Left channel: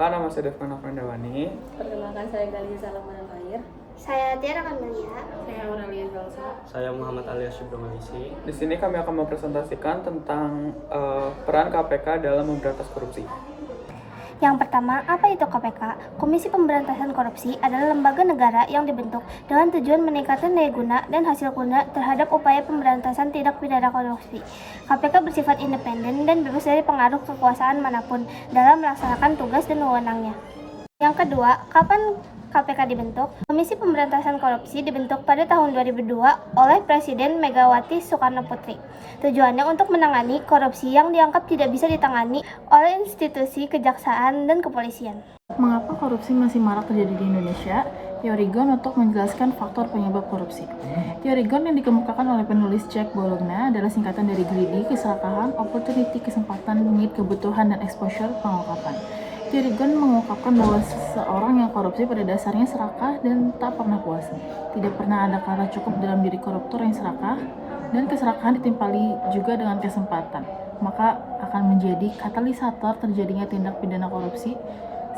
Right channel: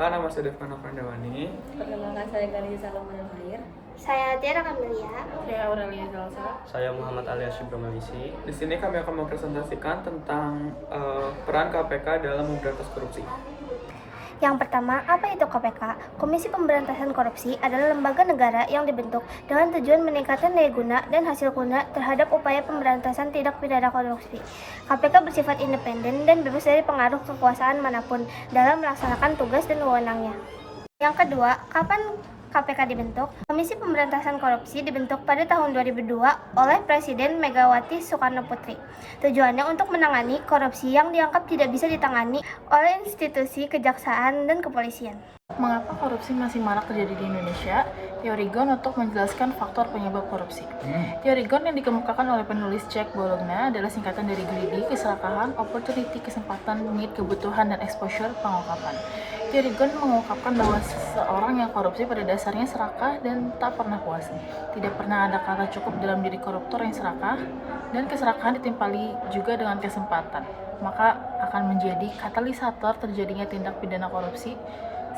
Perkenalkan, nama saya Devkan Pandawani. Perkenalkan, saya Galiza Salomanair. Saya Tiara Kamelia. Saya Aurelia Zalsa. Saya Muhammad Alias Subramawisi. Di sini kami akan mempresentasikan tentang peran KPK dalam memberantas korupsi. Yang pertama, apa itu KPK? Komisi Pemberantasan Korupsi adalah lembaga negara yang dibentuk dengan tujuan meningkatkan daya guna dan hasil guna terhadap upaya pemberantasan tindak pidana korupsi. KPK bersifat independen dan bebas dari pengaruh kekuasaan manapun dalam melaksanakan tugas dan wewenangnya. Yang kedua, kapan KPK dibentuk? Komisi Pemberantasan Korupsi dibentuk pada tahun 2002 oleh Presiden Megawati Soekarno Putri. Tujuannya untuk menangani korupsi yang dianggap tidak bisa ditangani oleh institusi kejaksaan dan kepolisian. Mengapa korupsi masih marak terjadi di Indonesia? Teori Ghosn untuk menjelaskan faktor penyebab korupsi. Teori Ghosn yang dikemukakan oleh penulis Jack Bologna adalah singkatan dari greedy, keserakahan, opportunity, kesempatan, need, kebutuhan, dan exposure, pengungkapan. Teori Ghosn mengungkapkan bahwa seseorang yang korupsi pada dasarnya serakah dan tak pernah puas. Tidak pernah ada kata cukup dalam diri koruptor yang serakah, dan keserakahan ditimpali juga dengan kesempatan. Maka akan menjadi katalisator terjadinya tindak pidana korupsi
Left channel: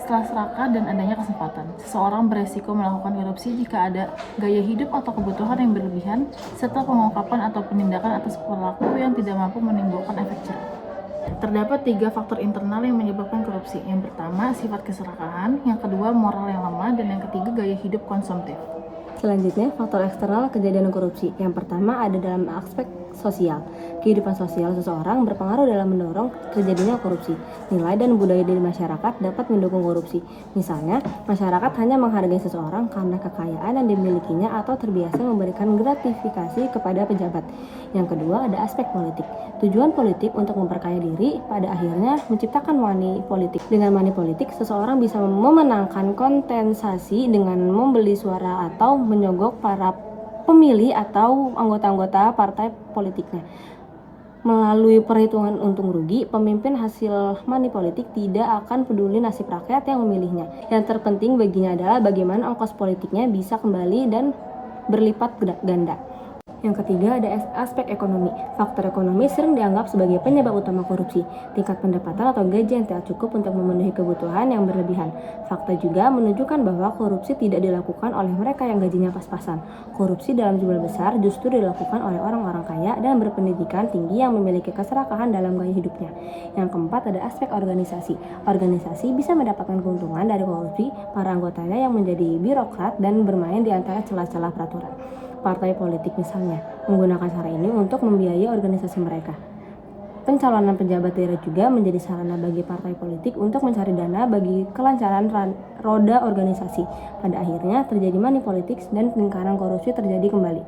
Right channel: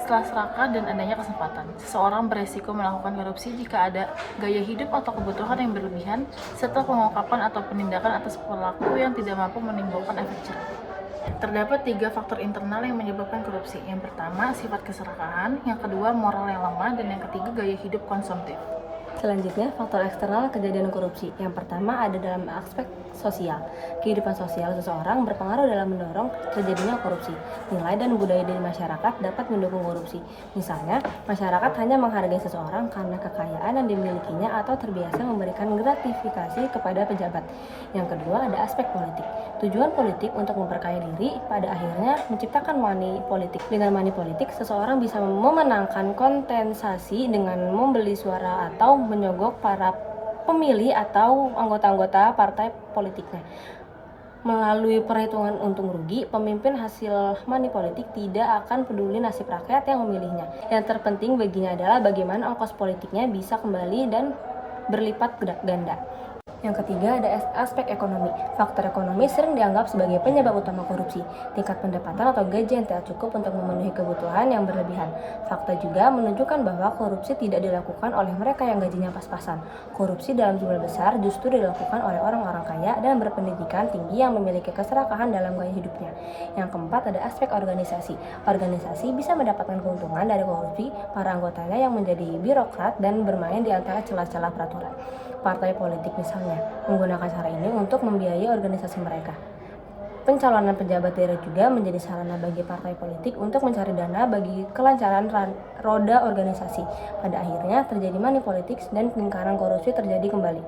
setelah serakah dan adanya kesempatan. Seseorang beresiko melakukan korupsi jika ada gaya hidup atau kebutuhan yang berlebihan, serta pengungkapan atau penindakan atas pelaku yang tidak mampu menimbulkan efek jerah. Terdapat 3 faktor internal yang menyebabkan korupsi. Yang pertama, sifat keserakahan. Yang kedua, moral yang lemah. Dan yang ketiga, gaya hidup konsumtif. Selanjutnya, faktor eksternal kejadian korupsi. Yang pertama ada dalam aspek sosial. Kehidupan sosial seseorang berpengaruh dalam mendorong terjadinya korupsi. Nilai dan budaya dari masyarakat dapat mendukung korupsi. Misalnya, masyarakat hanya menghargai seseorang karena kekayaan yang dimilikinya atau terbiasa memberikan gratifikasi kepada pejabat. Yang kedua ada aspek politik. Tujuan politik untuk memperkaya diri pada akhirnya menciptakan money politik. Dengan money politik, seseorang bisa memenangkan kontestasi dengan membeli suara atau menyogok para pemilih atau anggota-anggota partai politiknya. Melalui perhitungan untung rugi, pemimpin hasil money politik tidak akan peduli nasib rakyat yang memilihnya. Yang terpenting baginya adalah bagaimana ongkos politiknya bisa kembali dan berlipat ganda. Yang ketiga ada aspek ekonomi. Faktor ekonomi sering dianggap sebagai penyebab utama korupsi. Tingkat pendapatan atau gaji yang tidak cukup untuk memenuhi kebutuhan yang berlebihan. Fakta juga menunjukkan bahwa korupsi tidak dilakukan oleh mereka yang gajinya pas-pasan. Korupsi dalam jumlah besar justru dilakukan oleh orang-orang kaya dan berpendidikan tinggi yang memiliki keserakahan dalam gaya hidupnya. Yang keempat ada aspek organisasi. Organisasi bisa mendapatkan keuntungan dari korupsi para anggotanya yang menjadi birokrat dan bermain di antara celah-celah peraturan. Partai politik misalnya menggunakan cara ini untuk membiayai organisasi mereka. Pencalonan pejabat daerah juga menjadi sarana bagi partai politik untuk mencari dana bagi kelancaran roda organisasi. Pada akhirnya terjadi money politics dan lingkaran korupsi terjadi kembali.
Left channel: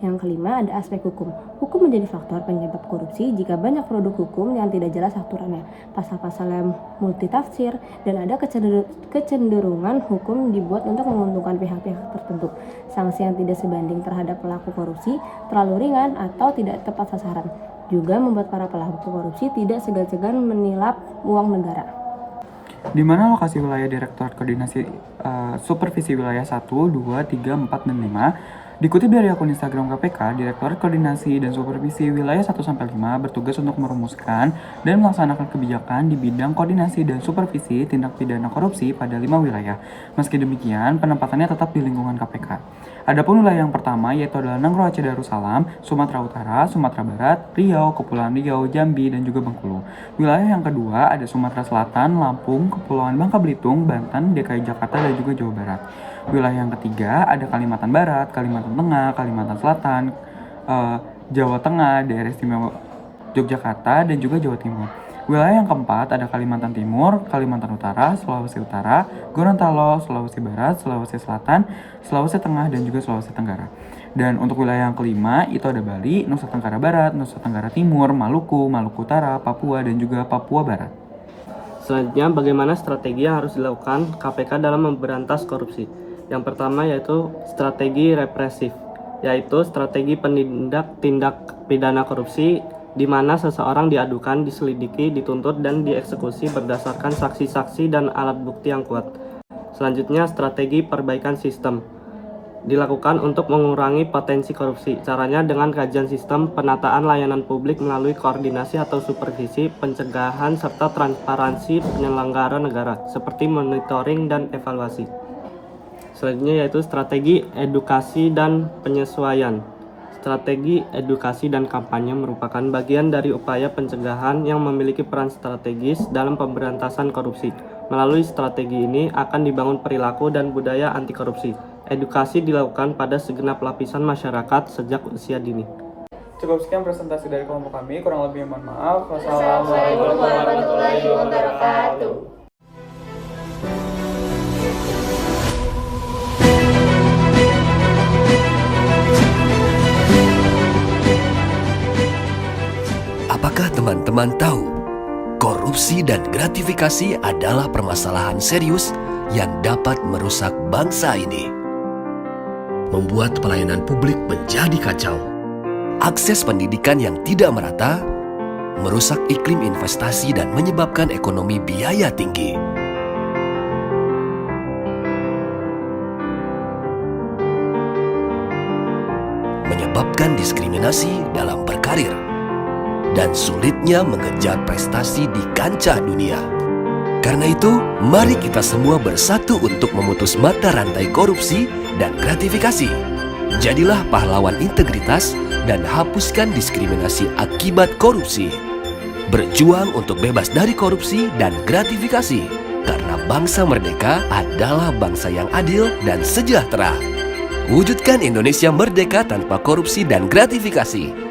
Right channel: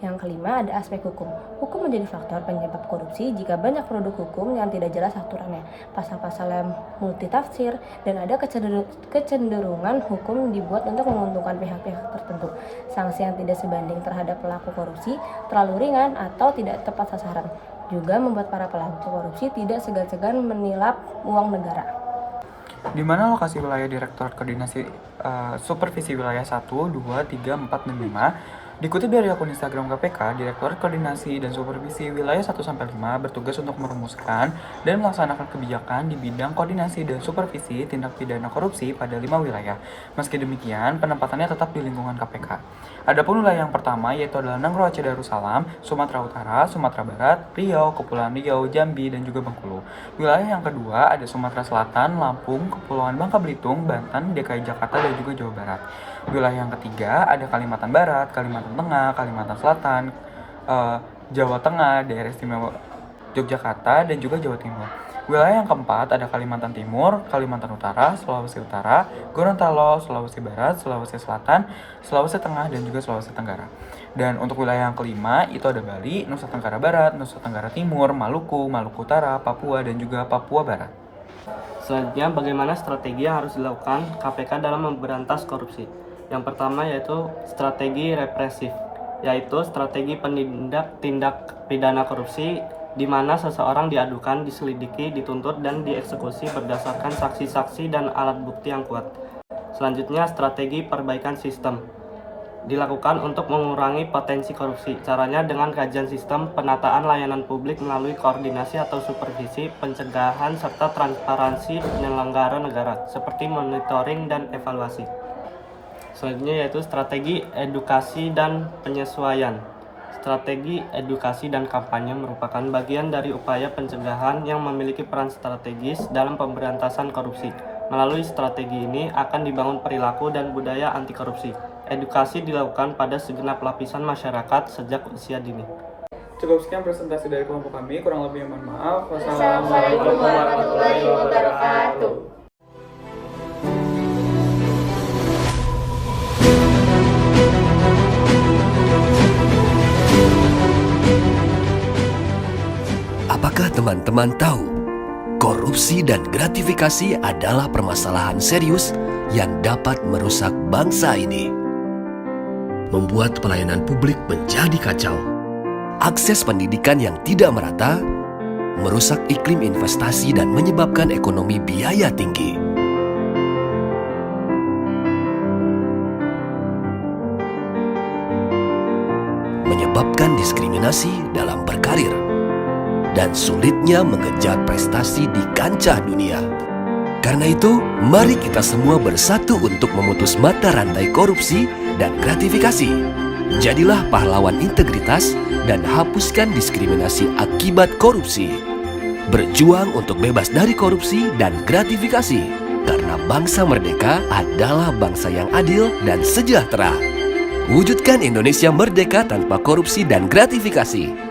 Yang kelima ada aspek hukum. Hukum menjadi faktor penyebab korupsi jika banyak produk hukum yang tidak jelas aturannya, pasal-pasal yang multitafsir, dan ada kecenderungan hukum dibuat untuk menguntungkan pihak-pihak tertentu. Sanksi yang tidak sebanding terhadap pelaku korupsi, terlalu ringan atau tidak tepat sasaran, juga membuat para pelaku korupsi tidak segan-segan menilap uang negara. Di mana lokasi wilayah Direktorat Koordinasi Supervisi Wilayah 1, 2, 3, 4, dan 5. Dikutip dari akun Instagram KPK, Direktorat Koordinasi dan Supervisi Wilayah 1-5 bertugas untuk merumuskan dan melaksanakan kebijakan di bidang koordinasi dan supervisi tindak pidana korupsi pada 5 wilayah. Meski demikian, penempatannya tetap di lingkungan KPK. Adapun wilayah yang pertama yaitu adalah Nangro Aceh Darussalam, Sumatera Utara, Sumatera Barat, Riau, Kepulauan Riau, Jambi, dan juga Bengkulu. Wilayah yang kedua ada Sumatera Selatan, Lampung, Kepulauan Bangka Belitung, Banten, DKI Jakarta, dan juga Jawa Barat. Wilayah yang ketiga ada Kalimantan Barat, Kalimantan Tengah, Kalimantan Selatan, Jawa Tengah, Daerah Istimewa Yogyakarta, dan juga Jawa Timur. Wilayah yang keempat ada Kalimantan Timur, Kalimantan Utara, Sulawesi Utara, Gorontalo, Sulawesi Barat, Sulawesi Selatan, Sulawesi Tengah, dan juga Sulawesi Tenggara. Dan untuk wilayah yang kelima itu ada Bali, Nusa Tenggara Barat, Nusa Tenggara Timur, Maluku, Maluku Utara, Papua, dan juga Papua Barat. Selanjutnya, bagaimana strategi yang harus dilakukan KPK dalam memberantas korupsi? Yang pertama yaitu strategi represif, yaitu strategi penindak tindak pidana korupsi di mana seseorang diadukan, diselidiki, dituntut, dan dieksekusi berdasarkan saksi-saksi dan alat bukti yang kuat. Selanjutnya, strategi perbaikan sistem, dilakukan untuk mengurangi potensi korupsi. Caranya dengan kajian sistem penataan layanan publik melalui koordinasi atau supervisi, pencegahan, serta transparansi penyelenggara negara, seperti monitoring dan evaluasi. Selanjutnya yaitu strategi edukasi dan penyesuaian. Strategi edukasi dan kampanye merupakan bagian dari upaya pencegahan yang memiliki peran strategis dalam pemberantasan korupsi. Melalui strategi ini akan dibangun perilaku dan budaya anti korupsi. Edukasi dilakukan pada segenap lapisan masyarakat sejak usia dini. Cukup sekian presentasi dari kelompok kami, kurang lebih mohon maaf. Wassalamualaikum warahmatullahi wabarakatuh. Apakah teman-teman tahu? Korupsi dan gratifikasi adalah permasalahan serius yang dapat merusak bangsa ini. Membuat pelayanan publik menjadi kacau. Akses pendidikan yang tidak merata, merusak iklim investasi dan menyebabkan ekonomi biaya tinggi. Menyebabkan diskriminasi dalam berkarir dan sulitnya mengejar prestasi di kancah dunia. Karena itu, mari kita semua bersatu untuk memutus mata rantai korupsi dan gratifikasi. Jadilah pahlawan integritas dan hapuskan diskriminasi akibat korupsi. Berjuang untuk bebas dari korupsi dan gratifikasi, karena bangsa merdeka adalah bangsa yang adil dan sejahtera. Wujudkan Indonesia merdeka tanpa korupsi dan gratifikasi.